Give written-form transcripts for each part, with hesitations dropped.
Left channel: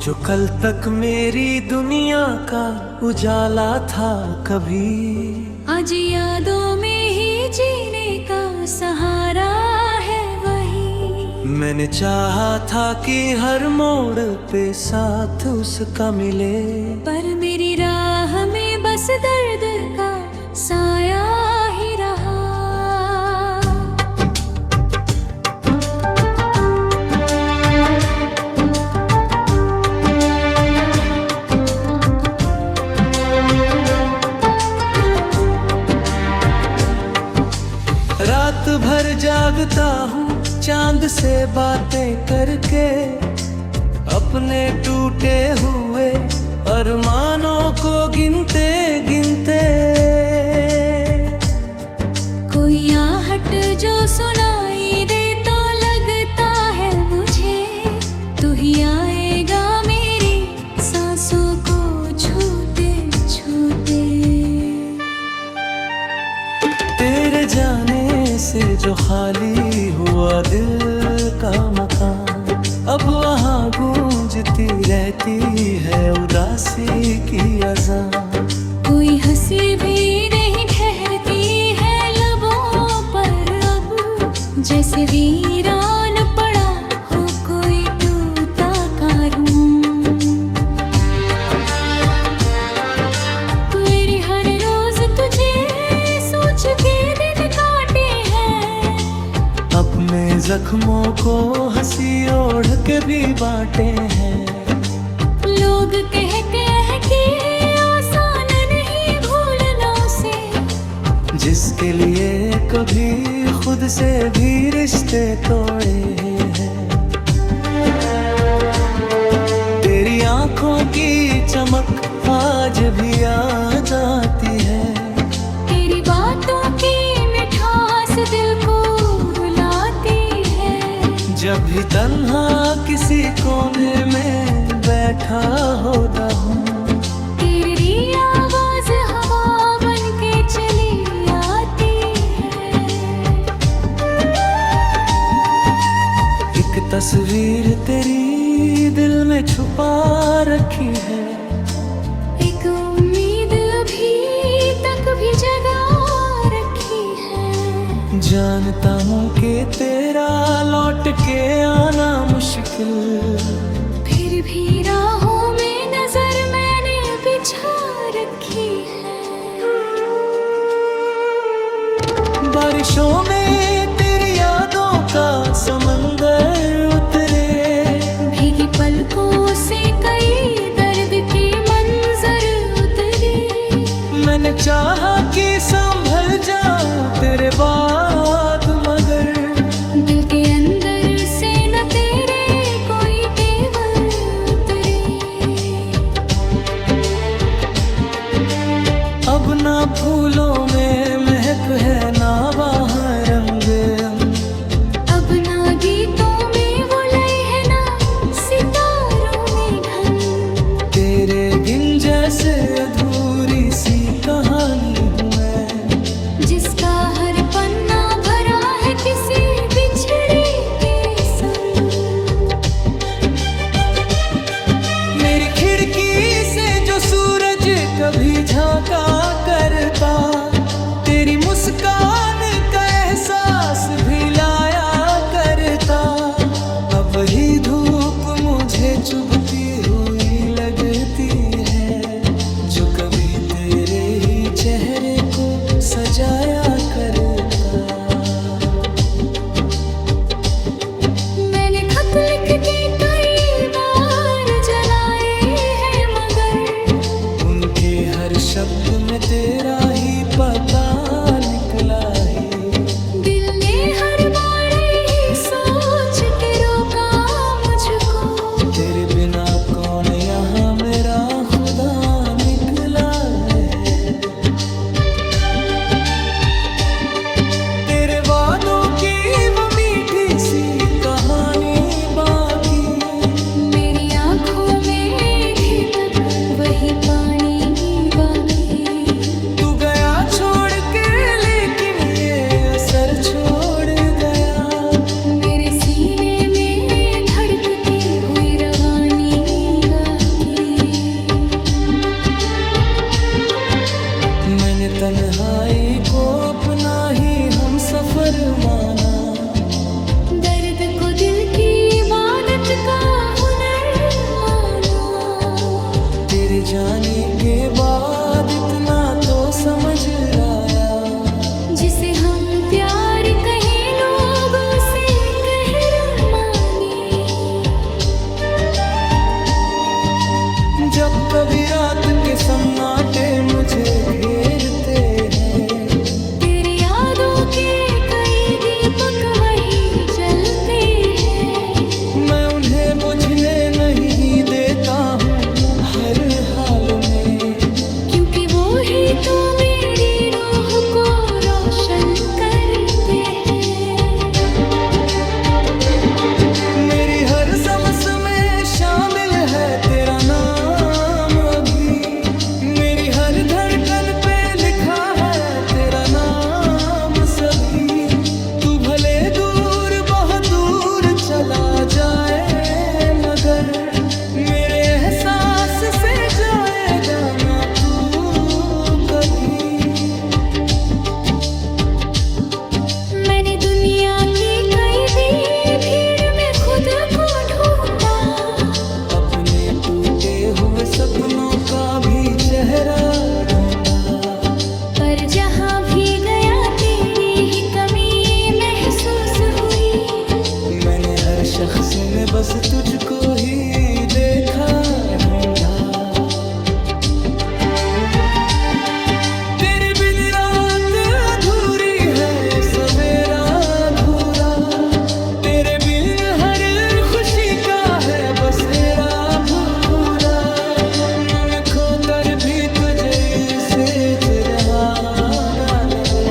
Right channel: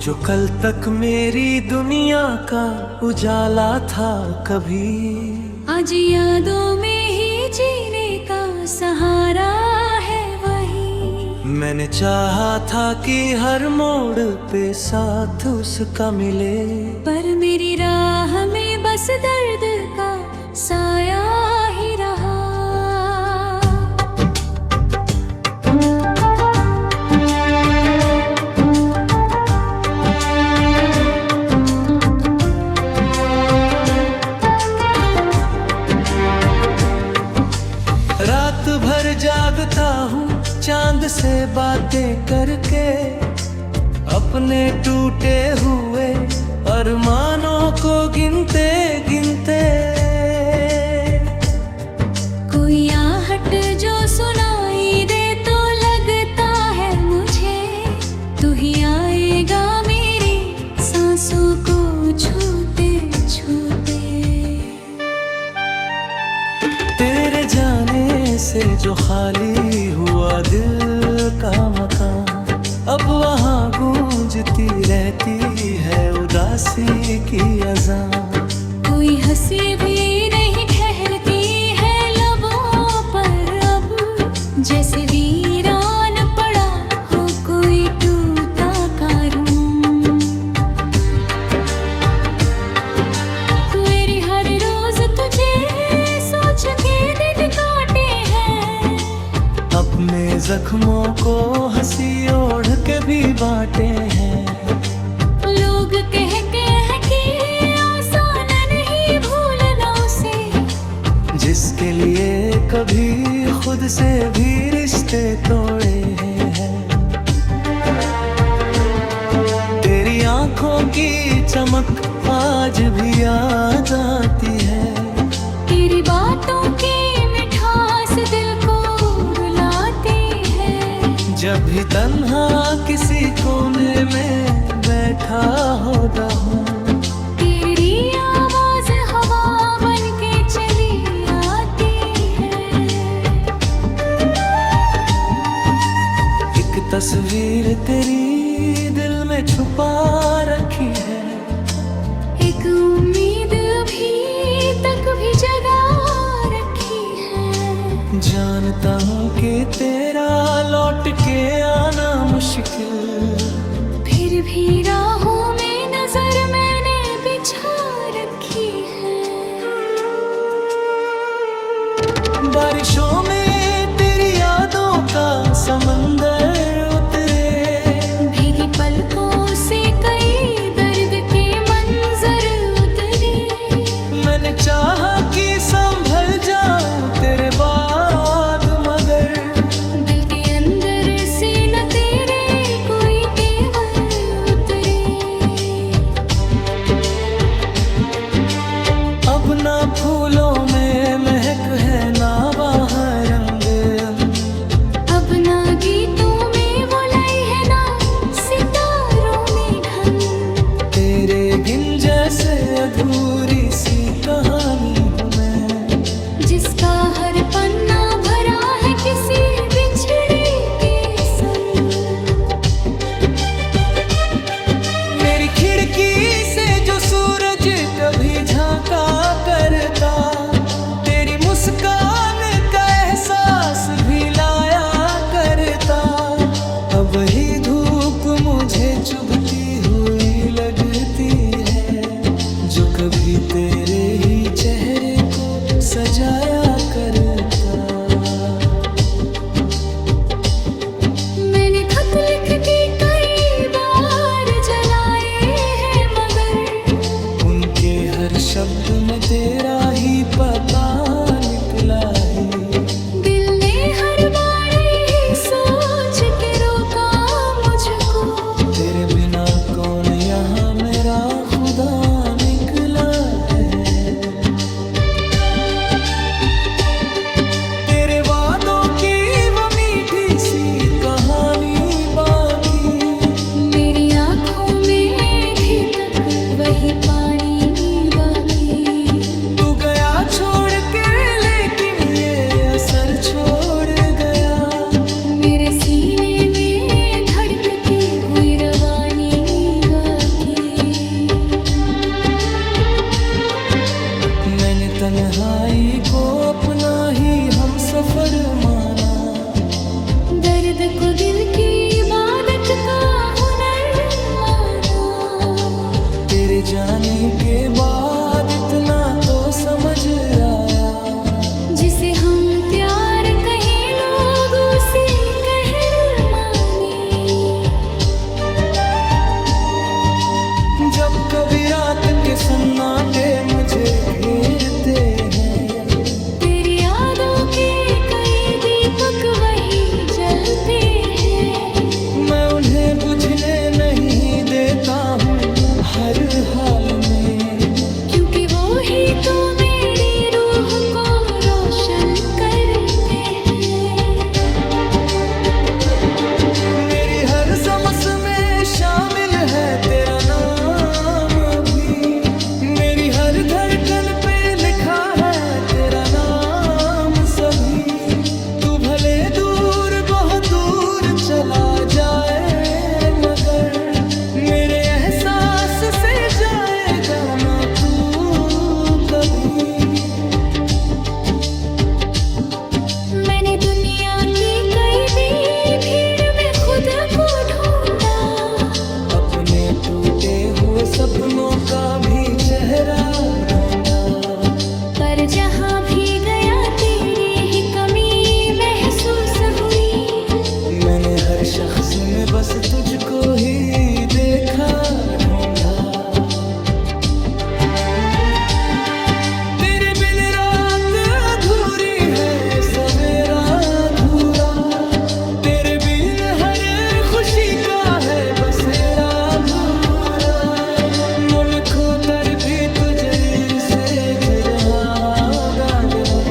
जो कल तक मेरी दुनिया का उजाला था कभी, आज यादों में ही जीने का सहारा है वही। मैंने चाहा था कि हर मोड़ पे साथ उसका मिले, पर मेरी राह में बस दर्द का साया ही रहा। रात भर जागता हूँ चांद से बातें करके, अपने टूटे हुए अरमानों को गिनते गिनते। कोई आहट जो सुनाई दे तो लगता है मुझे, तू ही आएगा मेरी सांसों को छूते छूते। तेरे जाने से जो खाली हुआ दिल का मकान, अब वहाँ गूंजती रहती है उदासी की अज़ान। कोई हंसी भी नहीं ठहरती है लबों पर अब, जैसे वीरान पड़ा हो कोई टूटा कारवां। मेरी हर रोज तुझे सोच के दिन काटे हैं, अपने जख्मों को हंसी ओढ़ के भी बांटे हैं। लोग कह के आसान नहीं भूलना उसे, जिसके लिए कभी खुद से भी रिश्ते तोड़े हैं। तेरी आंखों की चमक आज भी आ जाती है, तेरी बातों की मिठास दिल को रुलाती है। जब भी तन्हा किसी कोने में बैठा होता हूँ, तेरी आवाज हवा बन के चली आती है। एक तस्वीर तेरी दिल में छुपा रखी है, एक उम्मीद अभी तक भी जगा रखी है। जानता हूँ कि तेरा लौट के आना मुश्किल, फिर भी राहों में नजर मैंने बिछा रखी है। बारिशों में तेरी यादों का समंदर उतरे, भीगी पलकों से कई दर्द के मंजर उतरे। मैंने चाहा कि संभल जाऊं तेरे बाद, मगर दिल के अंदर से न तेरे कोई तेवर उतरे। अब ना फूलों में महक है ना बाहर रंग, अब ना गीतों में वो लय है ना सितारों में ढंग। तेरे गिन जैसे अधूरी सी कहानी हूँ मैं, जिसका हर पन्ना भरा है किसी बिछड़े के संग। मेरी खिड़की से जो सूरज कभी झांका करता, तेरी मुस्कान का एहसास भी लाया करता। अब वही धूप मुझे चुभती हुई लगती है, जो कभी तेरे ही चेहरे को सजाया करता। मैंने खत लिख के कई बार जलाए हैं, मगर उनके हर शब्द में तेरा ही पता निकला ही। दिल ने हर बार यही सोच के रोका मुझको, तेरे बिना कौन यहाँ मेरा खुदा निकला है। तेरे वादों की वो मीठी सी कहानी बाकी, मेरी आंखों में भी तक वही पानी बाकी। तू गया छोड़ के लेकिन ये असर छोड़ गया, मेरे सीने में धड़कती हुई रवानी। मैंने तन्हाई को अपना ही हम सफर माना, दर्द को दिल की इबादत का हुनर माना। तेरे जाने के बाद इतना तो समझ आया, जिसे हम प्यार कहें लोग उसे कहर माने। जब कभी रात के सन्नाटे मुझे घेरते हैं, तेरी यादों के कई दीपक वही जलते हैं। मैं उन्हें बुझने नहीं देता हूँ हर हाल में, क्योंकि वो ही तो मेरी रूह को रोशन करते हैं। मेरी हर सांस में शामिल है तेरा नाम अभी, मेरी हर धड़कन पे लिखा है तेरा नाम सभी। तू भले दूर बहुत दूर चला जाए, मगर मेरे एहसास से जाएगा ना तू कभी। मैंने दुनिया की कई भीड़ में खुद को ढूंढा, अपने टूटे हुए सपनों का भी चेहरा ढूंढा, पर जहाँ भी गया तेरी ही कमी महसूस हुई। मैंने हर शख्स में बस तुझको ही देखा ढूंढा। तेरे बिन रात अधूरी है, सवेरा अधूरा, तेरे बिन हर खुशी का है बसेरा भूरा। मन खोतर भी तुझे से रहा दादले,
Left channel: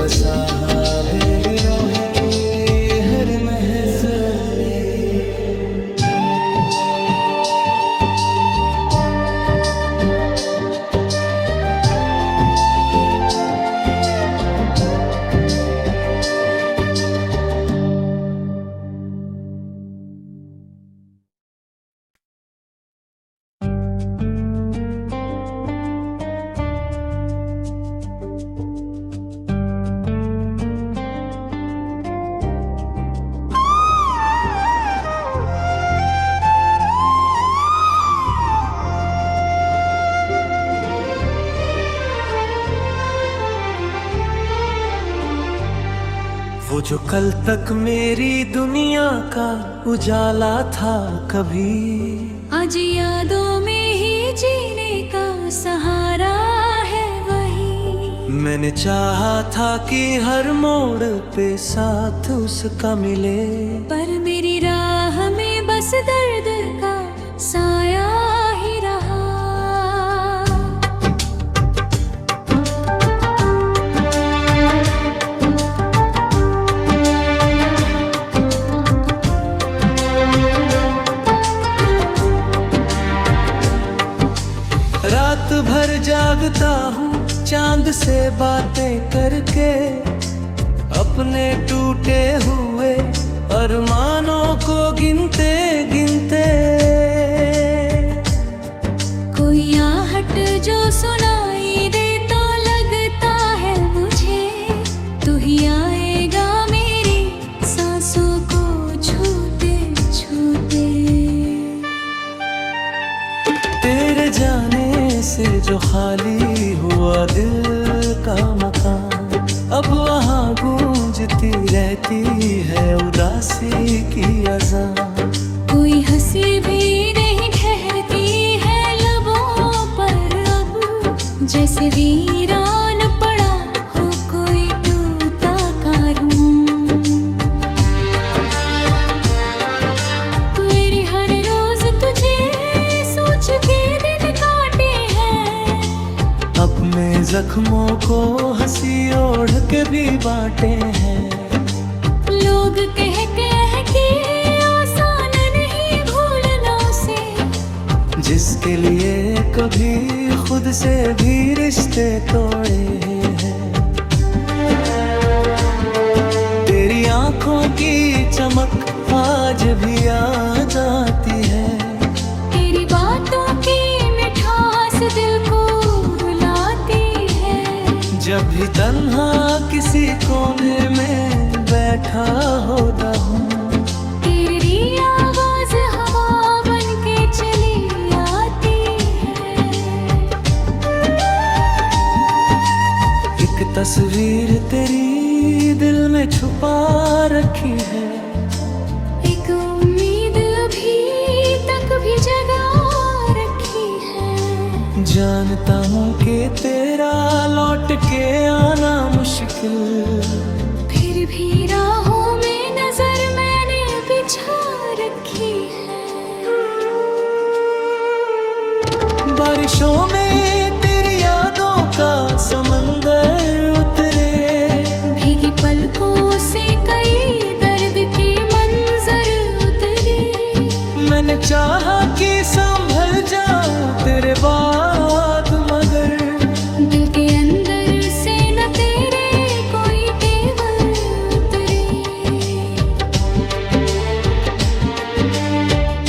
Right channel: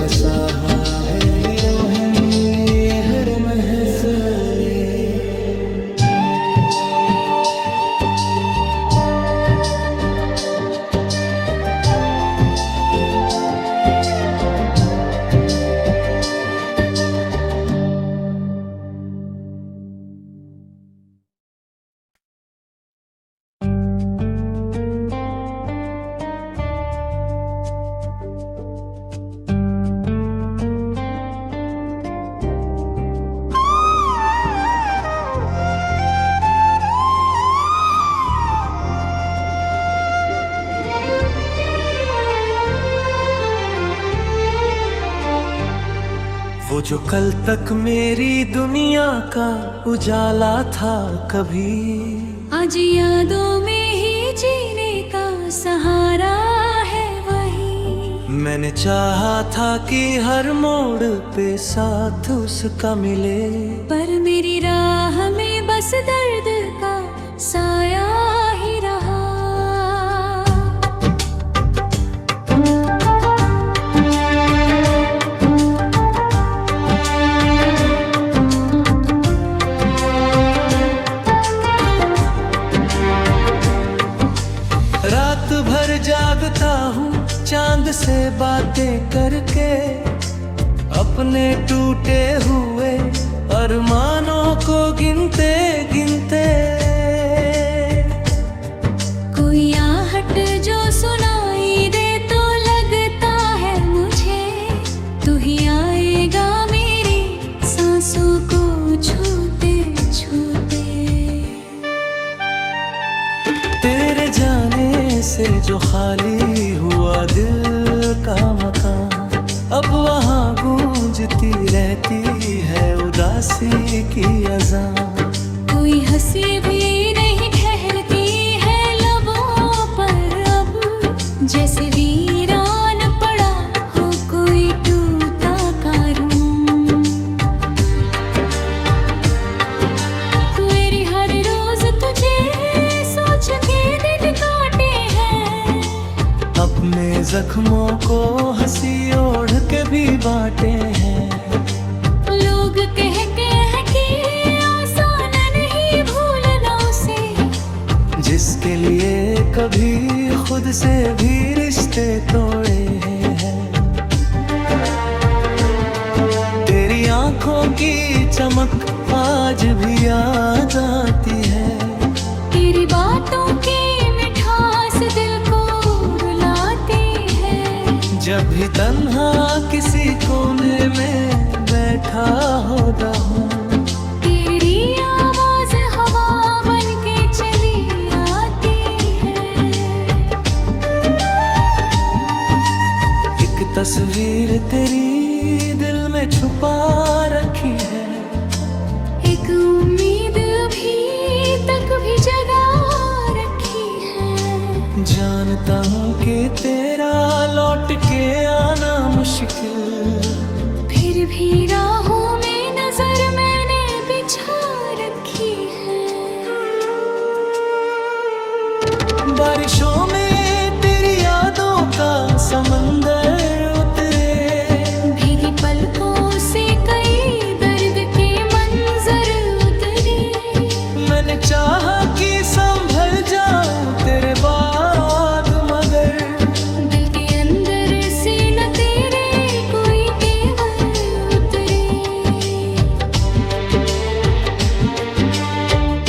बसा भेरी रोहिंदी हर महसूने। वो जो कल तक मेरी दुनिया का उजाला था कभी, आज यादों में ही जीने का सहारा है वही। मैंने चाहा था कि हर मोड़ पे साथ उसका मिले, पर मेरी राह में बस दर्द का साया ही रहा। रात भर जागता हूँ चांद से बातें करके, अपने टूटे हुए अरमानों को गिनते गिनते। कोई आहट जो सुनाई दे तो लगता है मुझे, तू ही आएगा मेरी सांसों को छूते छूते। तेरे जाने से जो खाली हुआ दिल का मकान, अब वहाँ गूंजती रहती है उदासी की अज़ान। कोई हंसी भी नहीं ठहरती है लबों पर अब, जैसे वीरान पड़ा हो कोई टूटा कारवां। मेरी हर रोज तुझे सोच के दिन काटे हैं, अपने जख्मों को हंसी ओढ़ के भी बांटे हैं। लोग कह के आसान नहीं भूलना उसे, जिसके लिए कभी खुद से भी रिश्ते तोड़े हैं। तेरी आंखों की चमक आज भी याद आती है, तेरी बातों की मिठास दिल को रुलाती जब भी तन्हा किसी कोने में बैठा होता हूँ, तेरी आवाज हवा बन के चली आती है। एक तस्वीर तेरी दिल में छुपा रखी है, एक उम्मीद अभी तक भी जगा रखी है। जानता हूँ कि तेरा लौट के आना मुश्किल, फिर भी राहों में नजर मैंने बिछा रखी है। बारिशों में तेरी यादों का समंदर उतरे, भीगी पलकों से कई दर्द के मंजर उतरे। मैंने चाहा कि संभल जाऊं तेरे बाद, मगर दिल के अंदर से न तेरे कोई तेवर उतरे।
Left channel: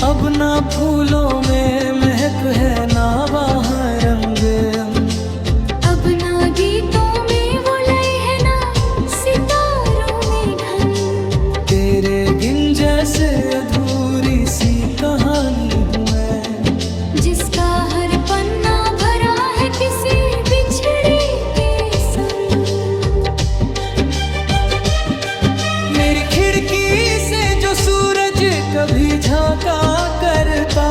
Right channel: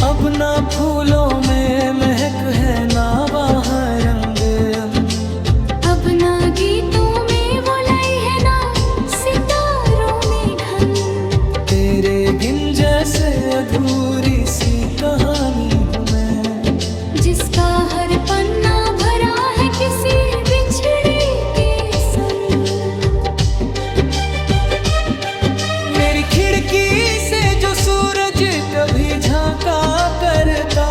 अब ना फूलों में महक है ना बाहर रंग, अब ना गीतों में वो लय है ना सितारों में ढंग। तेरे बिन जैसे अधूरी सी कहानी हूँ मैं, जिसका हर पन्ना भरा है किसी बिछड़े के संग। मेरी खिड़की से जो सूरज कभी झांका करता,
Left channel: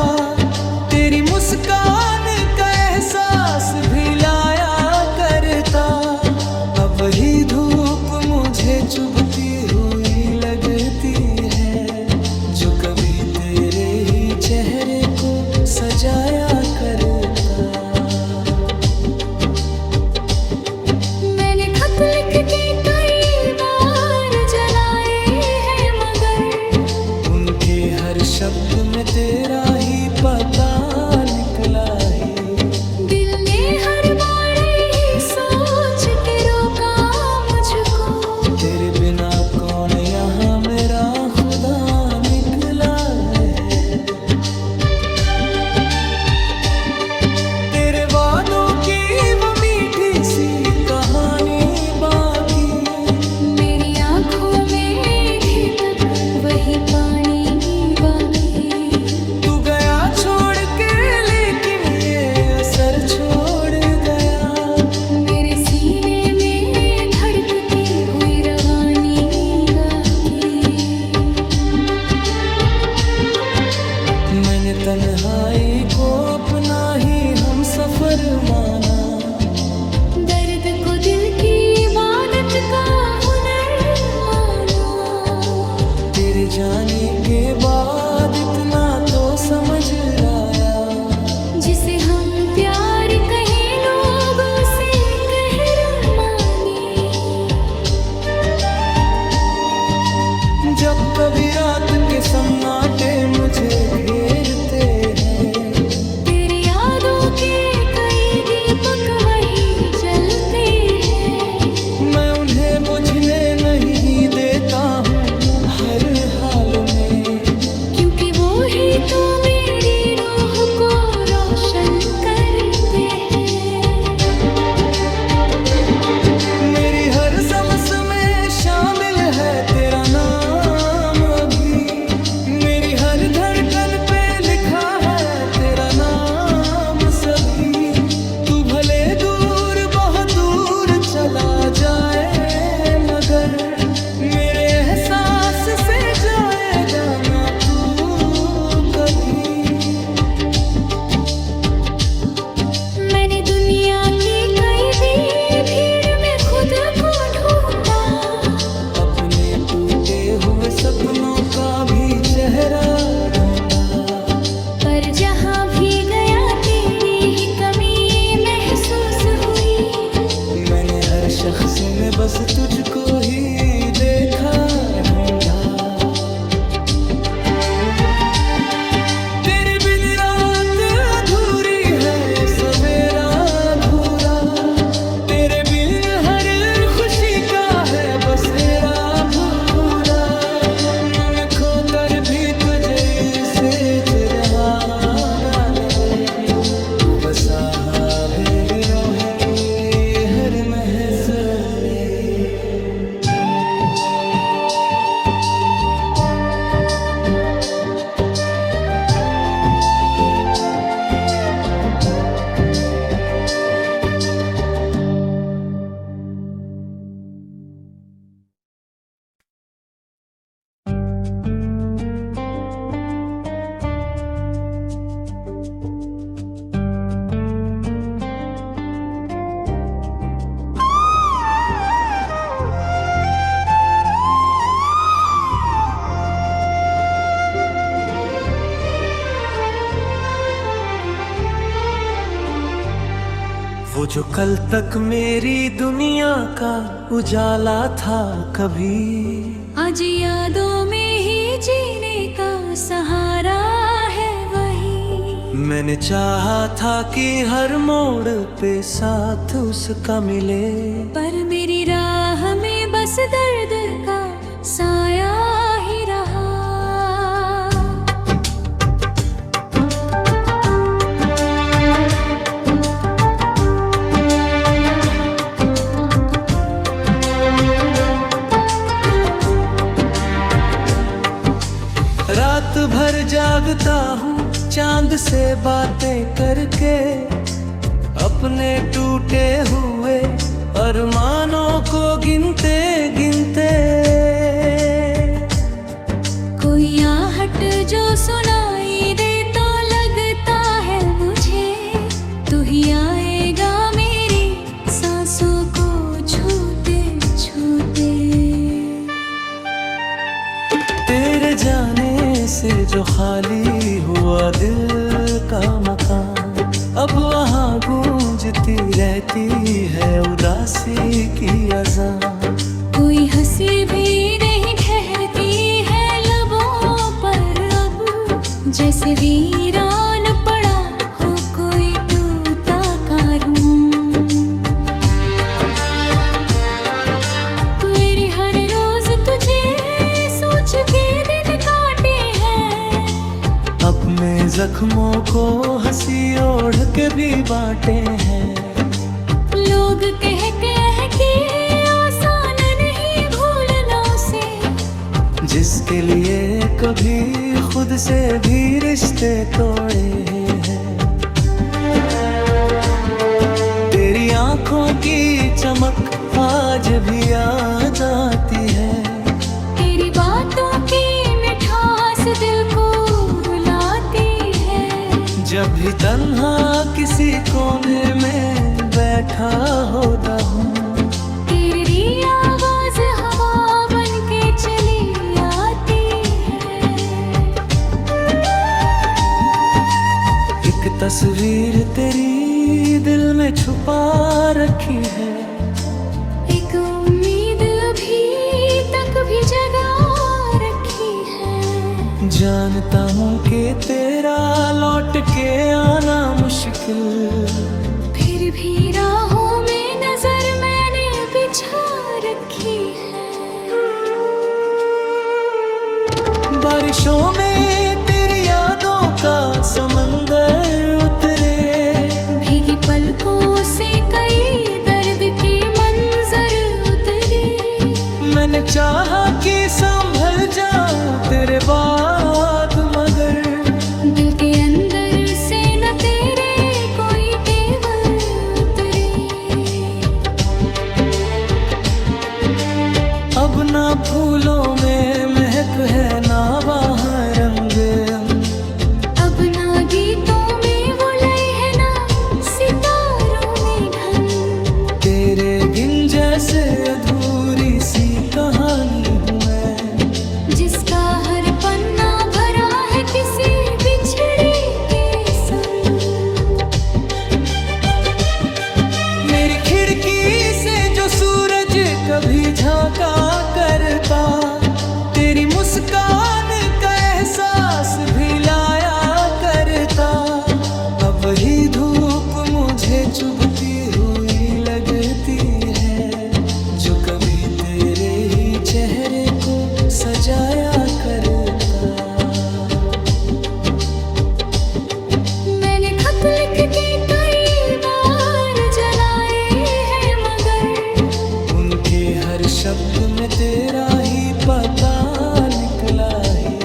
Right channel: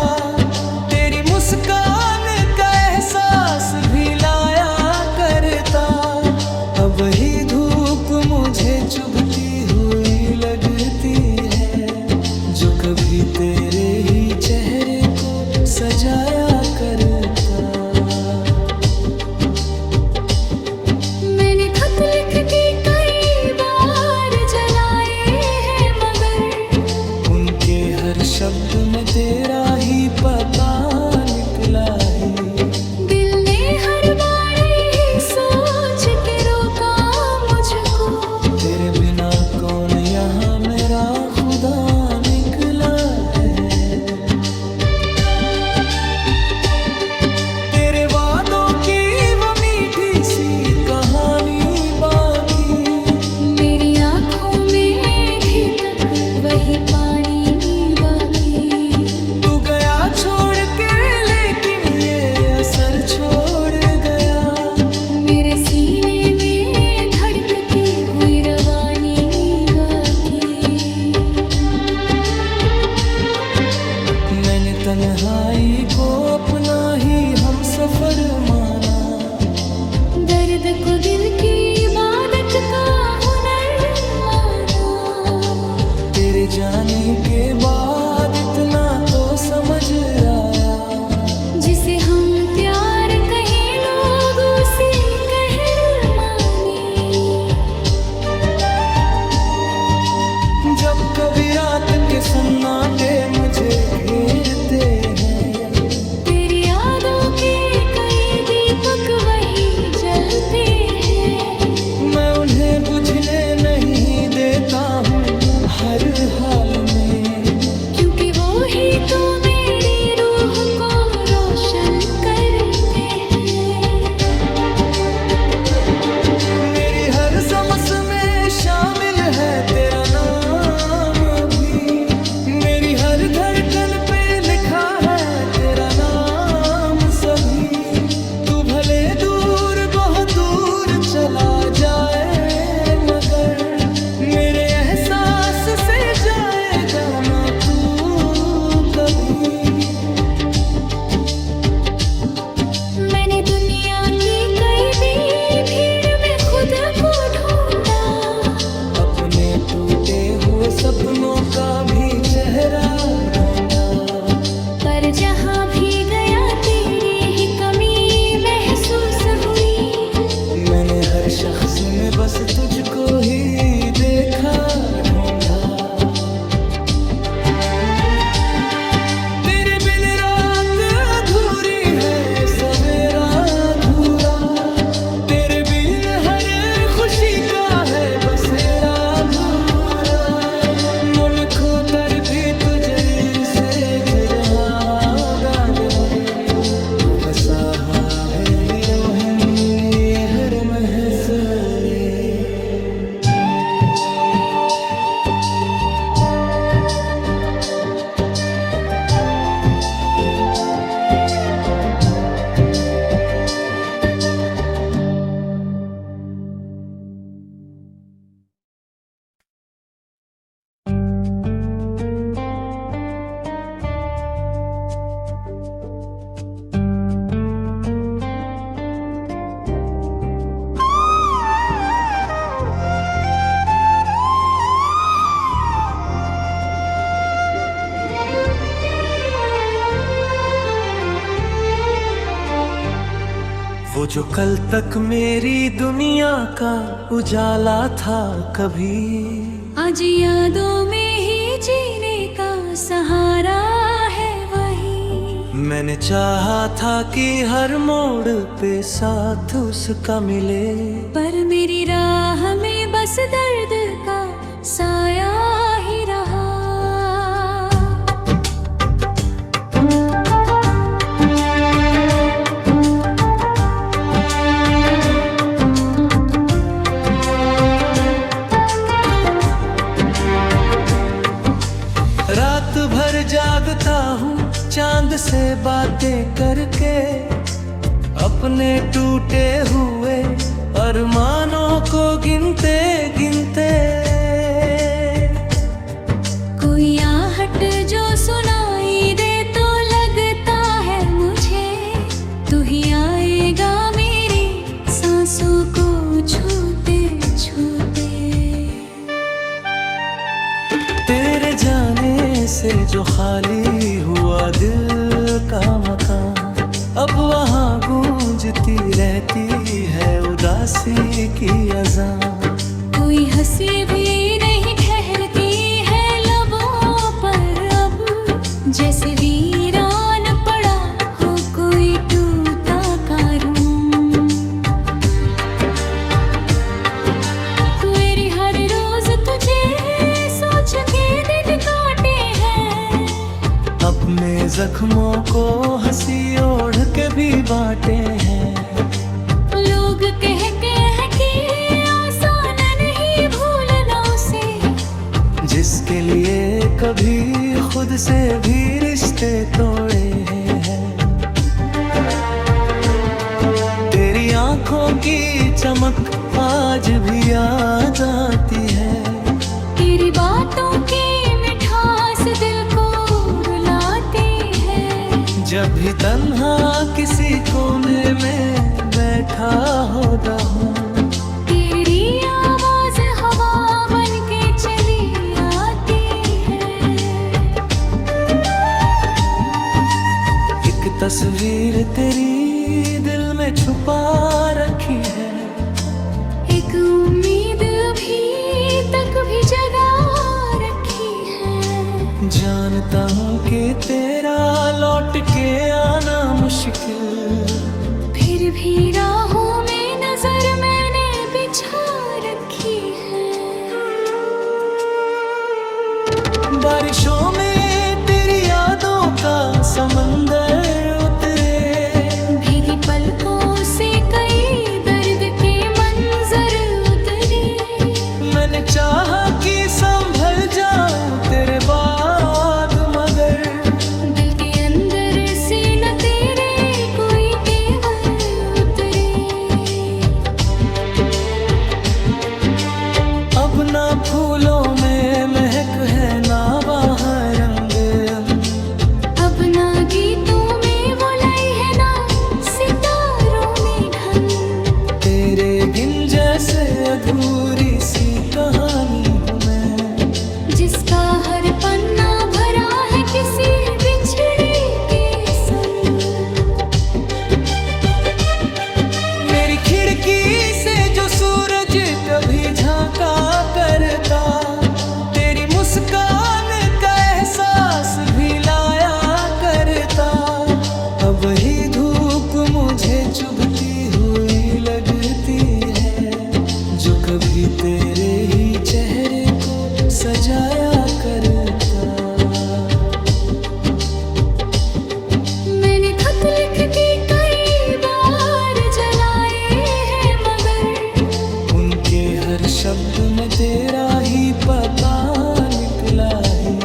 तेरी मुस्कान का एहसास भी लाया करता। अब वही धूप मुझे चुभती हुई लगती है, जो कभी तेरे ही चेहरे को सजाया करता। मैंने खत लिख के कई बार जलाए हैं, मगर उनके हर शब्द में तेरा ही पता निकला ही। दिल ने हर बार यही सोच के रोका मुझको, तेरे बिना कौन यहाँ मेरा खुदा निकला है। तेरे वादों की वो मीठी सी कहानी बाकी, मेरी आंखों में थी तक वही पानी बाकी। तू गया छोड़ के लेकिन ये असर छोड़ गया, मेरे सीने में धड़कती हुई रवानी गाती। मैंने तन्हाई को अपना ही हम सफर माना, दर्द को दिल की इबादत का हुनर माना। तेरे जाने के बाद इतना तो समझ आया, जिसे हम प्यार कहें लोग उसे कहर माने। जब कभी रात के सन्नाटे मुझे घेरते हैं, तेरी यादों के कई दीपक वही जलते हैं। मैं उन्हें बुझने नहीं देता हूँ हर हाल में, क्योंकि वो ही तो मेरी रूह को रोशन करते हैं। मेरी हर सांस में शामिल है तेरा नाम अभी, मेरी हर धड़कन पे लिखा है तेरा नाम सभी। तू भले दूर बहुत दूर चला जाए, मगर मेरे एहसास से जाएगा ना तू कभी। मैंने दुनिया की कई भी भीड़ में खुद को ढूंढा, अपने टूटे हुए सपनों का भी चेहरा ढूंढा, पर जहाँ भी गया तेरी ही कमी महसूस हुई। मैंने हर शख्स में बस तुझको ही देखा ढूंढा। तेरे बिन रात अधूरी है सवेरा अधूरा, तेरे बिन हर खुशी का है बसेरा भूरा। मन खोतर भी तुझे से रहा दादले, तू बसा भेरी रोहिंदी हर महस ने। वो जो कल तक मेरी दुनिया का उजाला था कभी, आज यादों में ही जीने का सहारा है वही। मैंने चाहा था कि हर मोड़ पे साथ उसका मिले, पर मेरी राह में बस दर्द का साया ही रहा। रात भर जागता हूँ चांद से बातें करके, अपने टूटे हुए अरमानों को गिनते गिनते। कोई आहट जो सुनाई दे तो लगता है मुझे, तू ही आएगा मेरी सांसों को छूते छूते। तेरे जाने से जो खाली हुआ दिल का मकान, अब वहाँ गूंजती रहती है उदासी की अज़ान। कोई हंसी भी नहीं ठहरती है लबों पर अब, जैसे वीरान पड़ा हो कोई टूटा कारवां। मेरी हर रोज तुझे सोच के दिन काटे हैं, अपने जख्मों को हंसी ओढ़ के भी बांटे हैं। लोग कह के आसान नहीं भूलना उसे, जिसके लिए कभी खुद से भी रिश्ते तोड़े हैं। तेरी आंखों की चमक आज भी याद आती है, तेरी बातों की मिठास दिल को रुलाती है। जब भी तन्हा किसी कोने में बैठा होता हूँ, तेरी आवाज हवा बन के चली आती है। एक तस्वीर तेरी दिल में छुपा रखी है, एक उम्मीद अभी तक भी जगा रखी है। जानता हूँ कि तेरा लौट के आना मुश्किल, फिर भी राहों में नजर मैंने बिछा रखी है। बारिशों में तेरी यादों का समंदर उतरे, भीगी पलकों से कई दर्द के मंजर उतरे। मैंने चाहा कि संभल जाऊं तेरे बाद, मगर दिल के अंदर से न तेरे कोई तेवर उतरे। अब ना फूलों में महक है ना वहाँ रंग, अब ना गीतों में वो लय है ना सितारों में ढंग। तेरे गिन जैसे अधूरी सी कहानी हूँ मैं, जिसका हर पन्ना भरा है किसी बिछड़े के संग। मेरी खिड़की से जो सूरज कभी झांका करता, तेरी मुस्कान का एहसास भी लाया करता। अब वही धूप मुझे चुभती हुई लगती है, जो कभी तेरे ही चेहरे को सजाया करता। मैंने खत लिख के कई बार जलाए हर शब्द में तेरा ही पता निकला ही।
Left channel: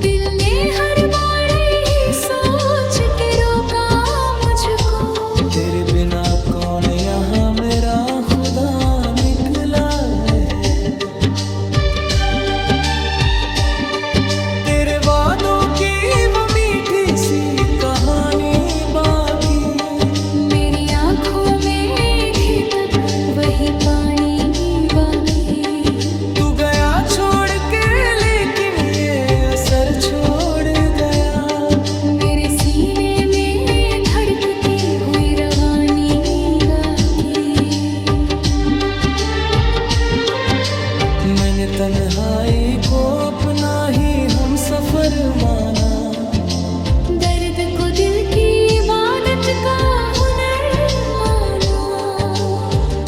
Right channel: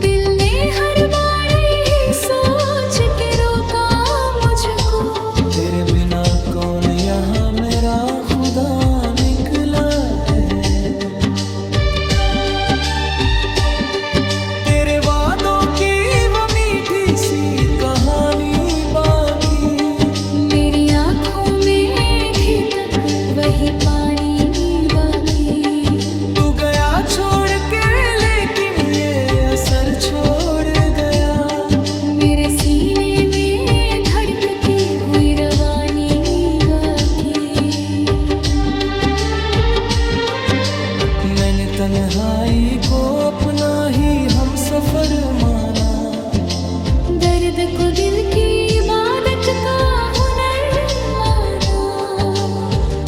दिल ने हर बार यही सोच के रोका मुझको, तेरे बिना कौन यहाँ मेरा खुदा निकला है। तेरे वादों की वो मीठी सी कहानी बाकी, मेरी आंखों में थी तक वही पानी बाकी। तू गया छोड़ के लेकिन ये असर छोड़ गया, मेरे सीने में धड़कती हुई रवानी गाती। मैंने तन्हाई को अपना ही हम सफर माना, दर्द को दिल की इबादत का हुनर माना।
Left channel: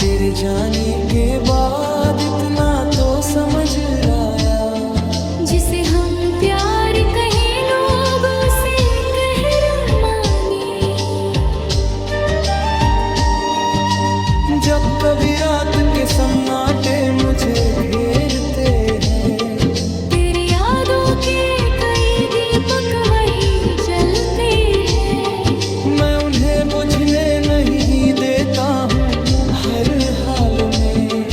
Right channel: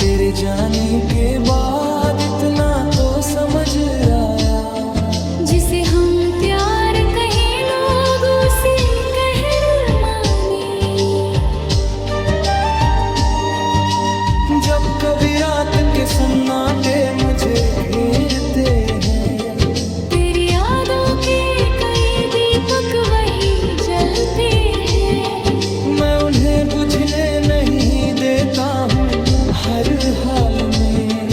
तेरे जाने के बाद इतना तो समझ आया, जिसे हम प्यार कहें लोग उसे कहर माने। जब कभी रात के सन्नाटे मुझे घेरते हैं, तेरी यादों के कई दीपक वही जलते हैं। मैं उन्हें बुझने नहीं देता हूँ हर हाल में,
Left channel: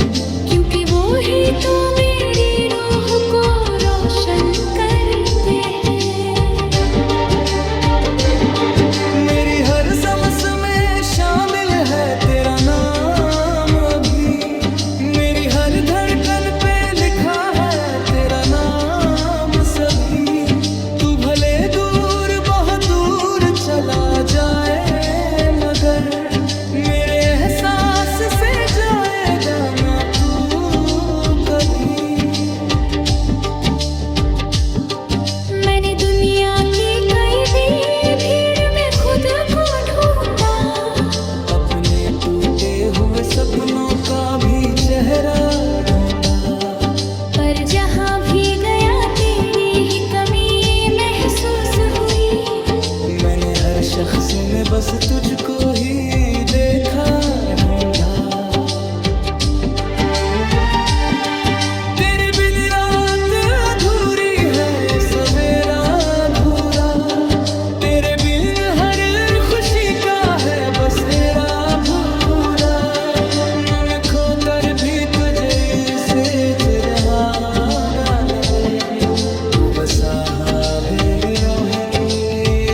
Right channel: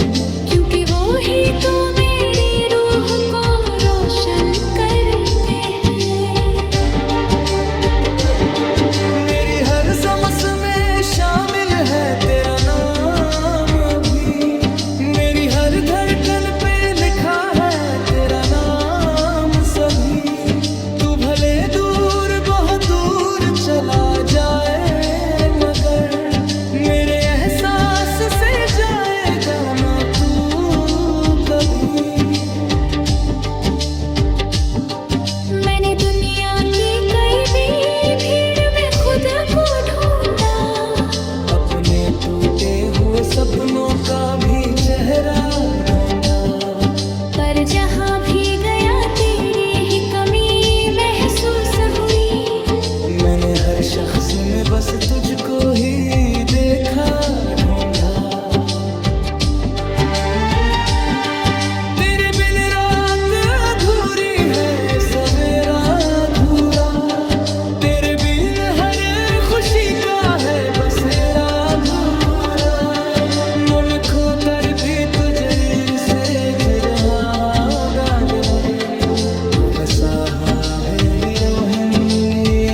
क्योंकि वो ही तो मेरी रूह को रोशन करते हैं। मेरी हर सांस में शामिल है तेरा नाम अभी, मेरी हर धड़कन पे लिखा है तेरा नाम सभी। तू भले दूर बहुत दूर चला जाए, मगर मेरे एहसास से जाएगा ना तू कभी। मैंने दुनिया की कई भी भीड़ में खुद को ढूंढा, अपने टूटे हुए सपनों का भी चेहरा ढूंढा, पर जहाँ भी गया तेरी ही कमी महसूस हुई। मैंने हर शख्स में बस तुझको ही देखा ढूंढा। तेरे बिन रात अधूरी है, सवेरा अधूरा, तेरे बिन हर खुशी का है बसेरा भूरा। मन खोकर भी तुझे से रहा दागले, तू बसा भेरी रोहन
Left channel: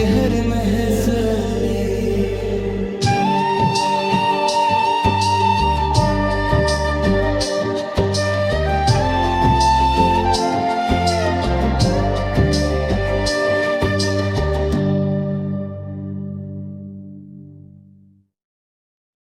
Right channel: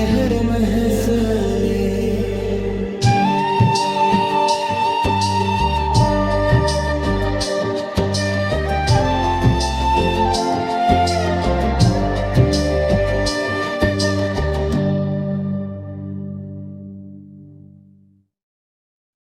हर महसूले।